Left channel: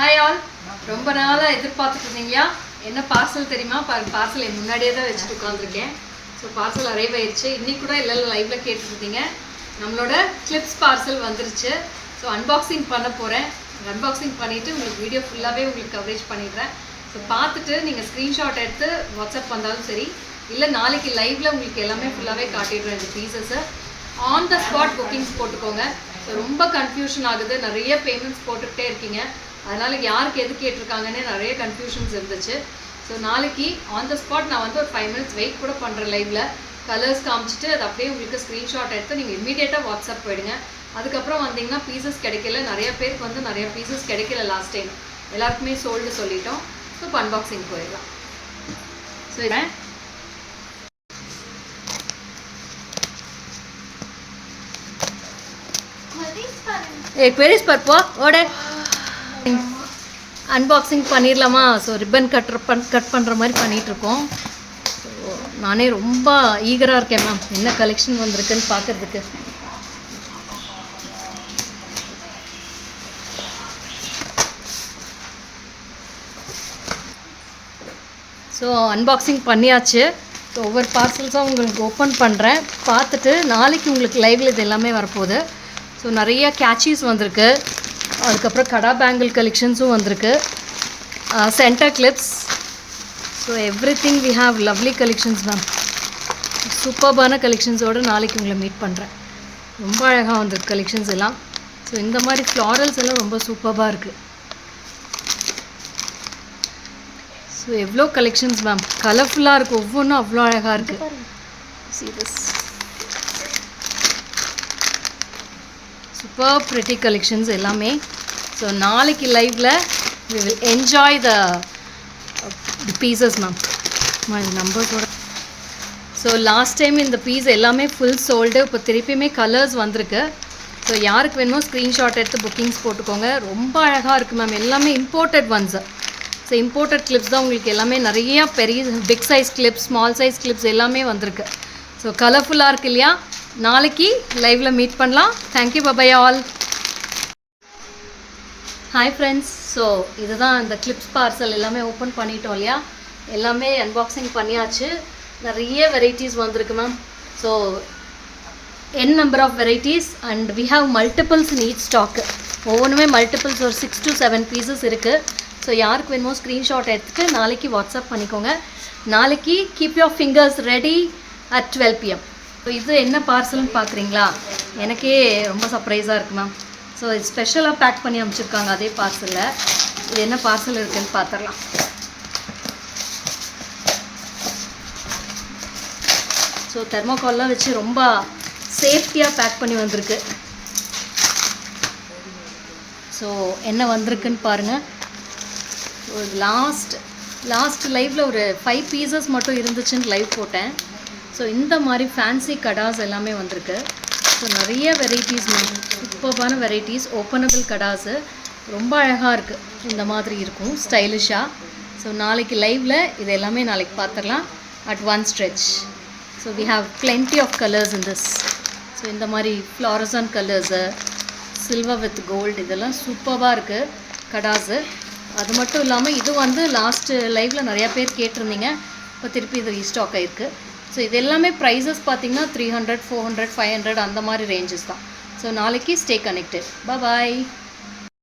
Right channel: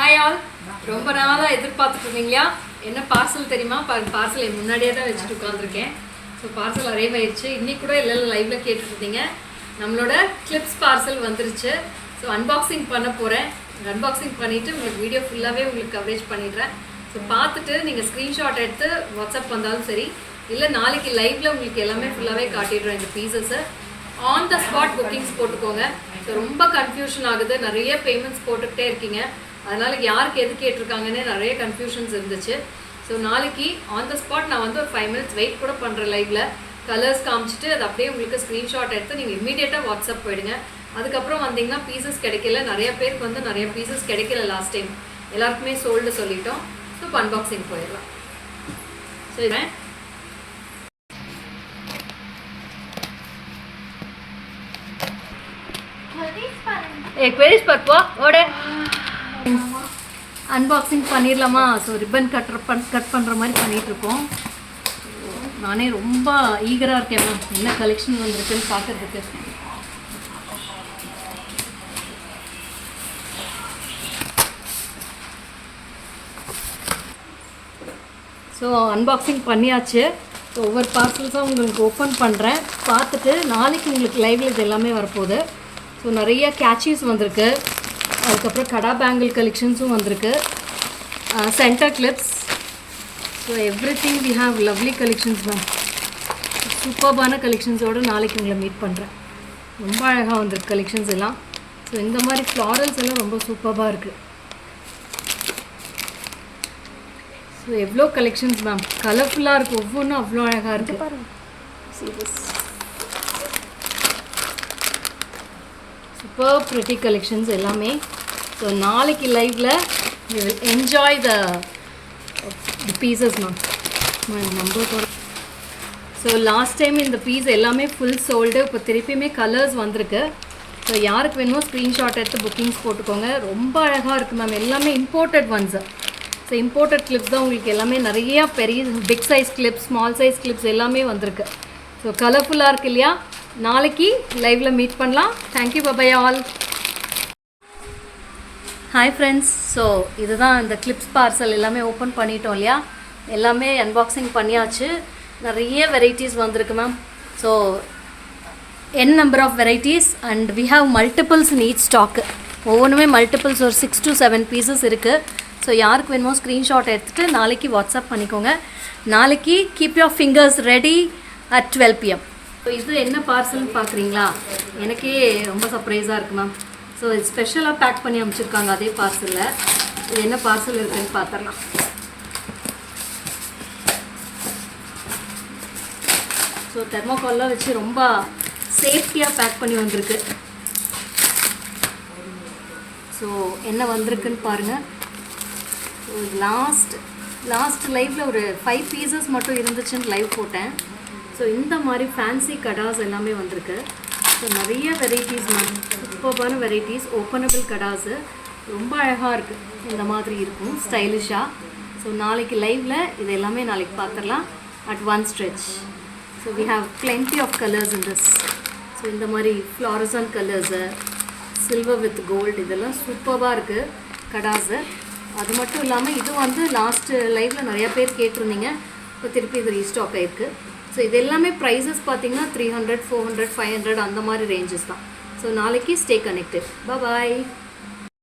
Hi all, ரொம்ப நாளாக எதிர்பார்த்துட்டு இருந்தீங்களா? என்ன பார்சல் தெரியுமா? பார்சல் என் முன்னாடியே தான் வச்சுட்டு உட்காந்துருக்கேன். ஸோ பார்சல் அரைவ் ஆயிடுச்சு. இன்னைக்கு கூட இல்லை லைவ்ல கேட்டுருந்தீங்க. நம்மளோட கிளிப்ஸ் பார்சல் வந்துருச்சு. ஸோ அன்பாக்சிங் பண்ண போகிறேன். அன்பாக்சிங் பண்ணிவிட்டு உங்களுக்கு வீடியோ ஃபுல்லாகவே உங்களுக்கு கவரேஜ் பண்ணிடுறேன். ஸோ பார்த்துட்டு நீங்கள் ஸ்க்ரீன்ஷாட் எடுத்து வாட்ஸ்அப் வந்தாலும் சரி, இல்லை நாளைக்கு லைவ்ல உங்களுக்கு எல்லாமே ஃபுல்லாகவே காட்டிடுறேன். இந்த பீசஸை ஆன் த ஸ்பாட் புக்கிங்ஸ் போட்டுக்கோங்க. ஸோ ரொம்ப கன்ஃபியூஷன் ஆகுது, நிறைய பேமெண்ட்ஸ் போட்டுக்கிட்டே இருக்கீங்க. அதனால் யாருக்கு எது கேட்டிருக்காங்கன்னே நிறைய கன்ஃபியூஷன்ஸ் இருந்துச்சு. ஸோ நாளைக்கு ஆன் த ஸ்பாட் நான் வந்து ஒரு 5 minutes வெயிட் கூட பண்ணுறேன். லைவில் கலர்ஸ் காமிச்சிட்டு அது அப்படியே உங்களுக்கு ஸ்க்ரீன்ஷாட் எடுத்து நீங்கள் இமீடியட்டாக வாட்ஸ்அப் போயிடுங்க. அதுக்கப்புறம் வந்தீங்கன்னா பீசஸ் கிடைக்கல. நிறைய பேருக்கு வந்து நிறைய பீசஸ் கிடைக்கல. லாஸ்ட் டைம் எல்லாருக்குமே சோல்டு சொல்லிட்டோம். ஸோ இப்போ அன்பாக்சிங் போயிடலாம். ஸோ இதை एक पेरिस पर पो ओडे அன்பாக்சிங் பண்ணிடலாமா? ஸோ ரிப்பன் கட் பண்ணுற மாதிரி பண்ணிகிட்ருக்கோம். நானே ரொம்ப ஈகராக இருக்கேன் மேம், என்ன கலெக்ஷன் வந்திருக்குன்னு பார்க்குறதுக்கு. ஸோ அன்பாக்சிங் பண்ணியாச்சு. ஸோ ஒவ்வொரு பார்சல்ஸாக உங்களுக்கு ஓப்பன் பண்ணுறேன். பார்த்துட்டு நாளைக்கு உங்களுக்கு லைவில் இது எல்லாமே வரப்போகுது. ஸோ நிறைய கேச்சீஸ் வந்திருக்கு. அதுக்கப்புறம் கடா பேங்கிள் கலெக்ஷன்ஸும் வந்திருக்கு. Centre clips. So everything we have lovely collections ma'am. சூப்பர்பான கலெக்ஷன்ஸோடு நாளைக்கு உங்களை மீட் பண்ணுறேன். ரொம்ப அழகாக வந்திருக்கு கலெக்ஷன்ஸ் எல்லாம். ஸோ இந்த மாதிரி ஃப்ளாரல்ஸ் எல்லாம் ரொம்ப சூப்பராக இருக்குது. ஸோ எவ்வளோ கலெக்ஷன்ஸ் மேம், கலர்ஃபுல்லாக இருக்குது. ஒவ்வொன்றும் அவ்வளோ அழகாக இருக்குது. சீரியஸ் சூப்பர் ப்ரிட்டி கலெக்ஷன்ஸ் எல்லாமே. ஸோ நாளைக்கு லைவில் we will enjoy the pieces ma'am. Number so last time இந்த பீஸ் எல்லாமே ஃபுல் சோல்டு. இப்போ திருப்பியுமே கலர்ஸ் வந்திருக்கு. ஸோ யாருக்கு வேணுமோ ஸ்க்ரீன்ஷாட் எடுத்து புக்கிங்ஸ் போட்டுக்கோங்க. ரொம்ப அழகாக இருக்குது மேம். எல்லாமே imported ones. So imported clips தான் உங்களுக்கு எல்லாமே. நிறையா பெரிய big size clips, small size clips எல்லாமே வந்திருக்கு. ஸோ கலர்ஃபுல்லாக இருக்குது இல்லையா? நாளைக்கு லைவில் மீட் பண்ணலாம். Thank you, bye bye all. Hi friends. So இதுதான் இந்த கிளிப்ஸ் பார்சல் எல்லாமே ஓப்பன் பண்ணிட்டோம் இல்லையா? எல்லாமே அன்பாக்சிங் பண்ணியாச்சு. நிறைய வெரைட்டிஸ் வந்திருக்கு ma'am. So n number of varieties and we have multiples in each stock. ஒவ்வொன்றுமே மல்டிபிள்ஸ் ஒரு 6 to 7 பீசஸ் இருக்குது. ஸோ யாருக்கு வேணுமோ ஸ்க்ரீன்ஷாட் எடுத்துகிட்டு நாளைக்கு வாட்ஸ்அப் பண்ணிக்கோங்க. நாளைக்கு keep your fingers ready at 12 PM. So இது என்ன பார்சல்னு பார்க்குறீங்களா? எனக்கே ரொம்ப சர்ப்ரைஸாக இருக்குது மேம். ஸோ இது ஸ்பெஷலாக பேக் பண்ணி அனுப்பிச்சிருக்காங்க அதே பார்சலில். இது என்ன பார்சல் இருக்குதுன்னு பார்த்துடலாம். ஸோ தெர்மோகால்லாம் வச்சு ரொம்ப சேஃப்டியாக பேக் பண்ணி வந்திருக்கு. ஸோ என்ன வந்திருக்குன்னு பாருங்கள். ஒரு லாஸ்ட் லைவில் ஒரு 5 பீசஸ் மட்டும் இருந்துச்சுன்னு லைவ் போட்டேன். ஸோ இந்த மாதிரி ஃபேன்சி கடாஸ் எல்லாமே வந்திருக்கு. ஸோ நிறைய வெரைட்டிஸ், சூப்பர்பான வெரைட்டிஸ். ஓப்பனபிள் கடாஸு ரொம்ப அழகாக இருக்குது. இந்த மாதிரி இருக்கும் ஸ்டைலிஷாக. ஸோ நாளைக்கு லைவில் இது எல்லாமே நாளைக்கு பார்த்துடலாம் at one stretch. So we have plenty of colours in this. So இந்த மாதிரி fluorescent colours, silver with gold, இதெல்லாம் சூப்பராக இருக்குது கடாஸு. அது மட்டும் இல்லாமல் இது வந்து லாஸ்ட்டு லைவில் நிறையா பேர் கேட்டிருந்தீங்க. இப்போ திருப்பி இது ரீஸ்டாக் ஆகிருக்கு. ஸோ இது எல்லாமே ப்ரைஸஸ் பார்த்திங்கன்னா 300, 400, 500 அந்த மாதிரி ரேஞ்சஸ் தான். ஸோ நாளைக்கு ஸ்டே கனெக்டட். பாய்.